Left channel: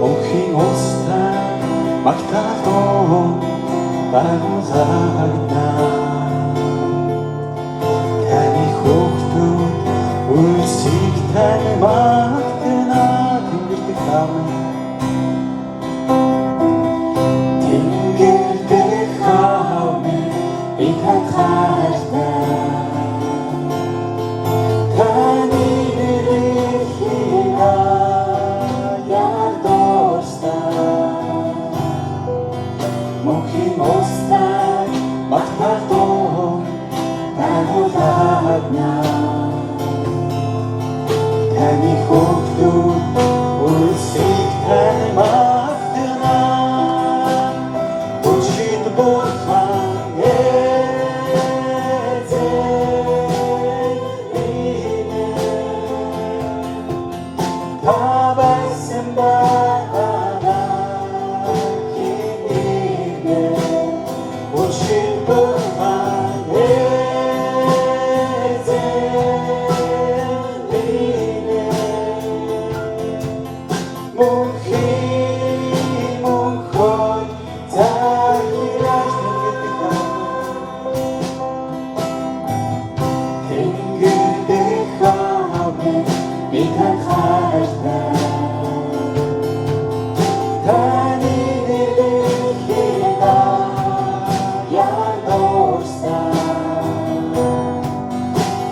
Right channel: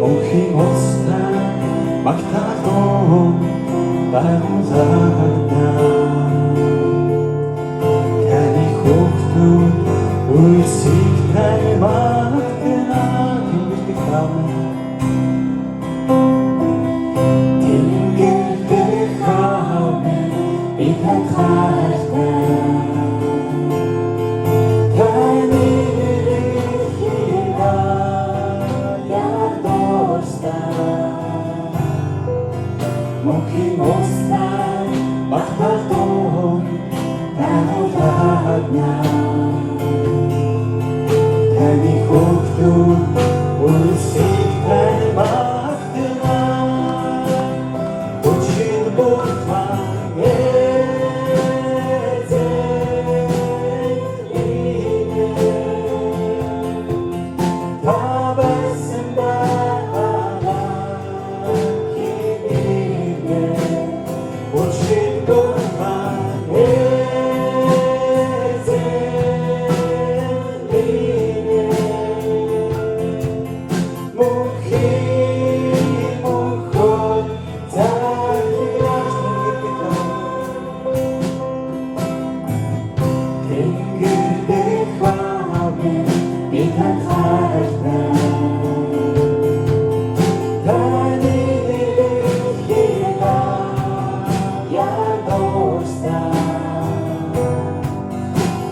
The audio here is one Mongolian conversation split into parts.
Мухи моста махтато дагозарда Таны хөвтү үлсийг тань магтана тэнгэрт хам Тэнгэрт хам би танхаарна Таны Мухи моста махтато дагозарда Таны хөвтү үлсийг тань магтана Учид бурхан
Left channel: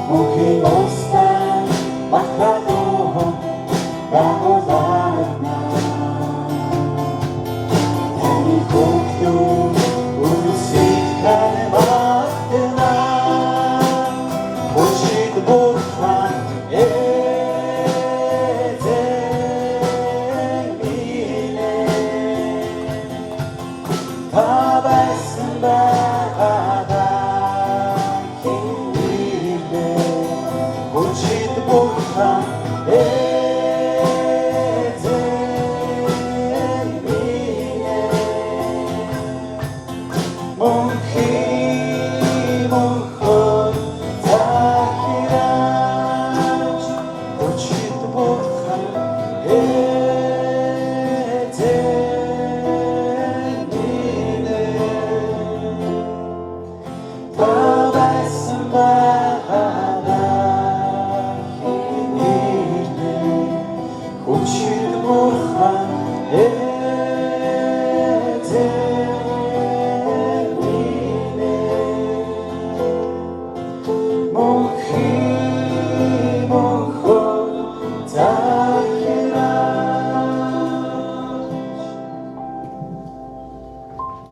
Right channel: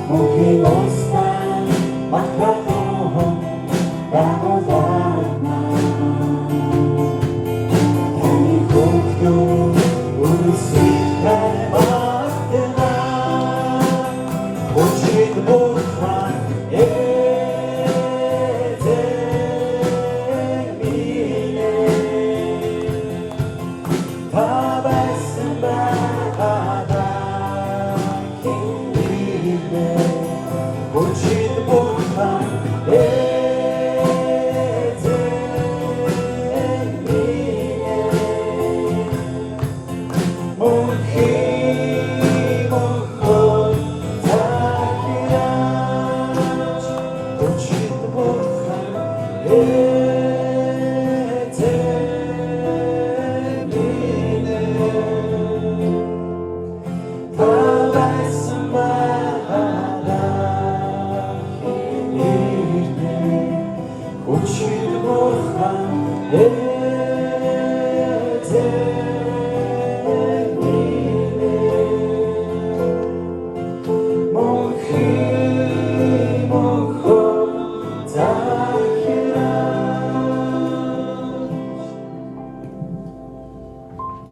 Мухи моста махтато дагозарда Таны хөвтү үлсийг тань магтана Учид бурхан Учид бурхан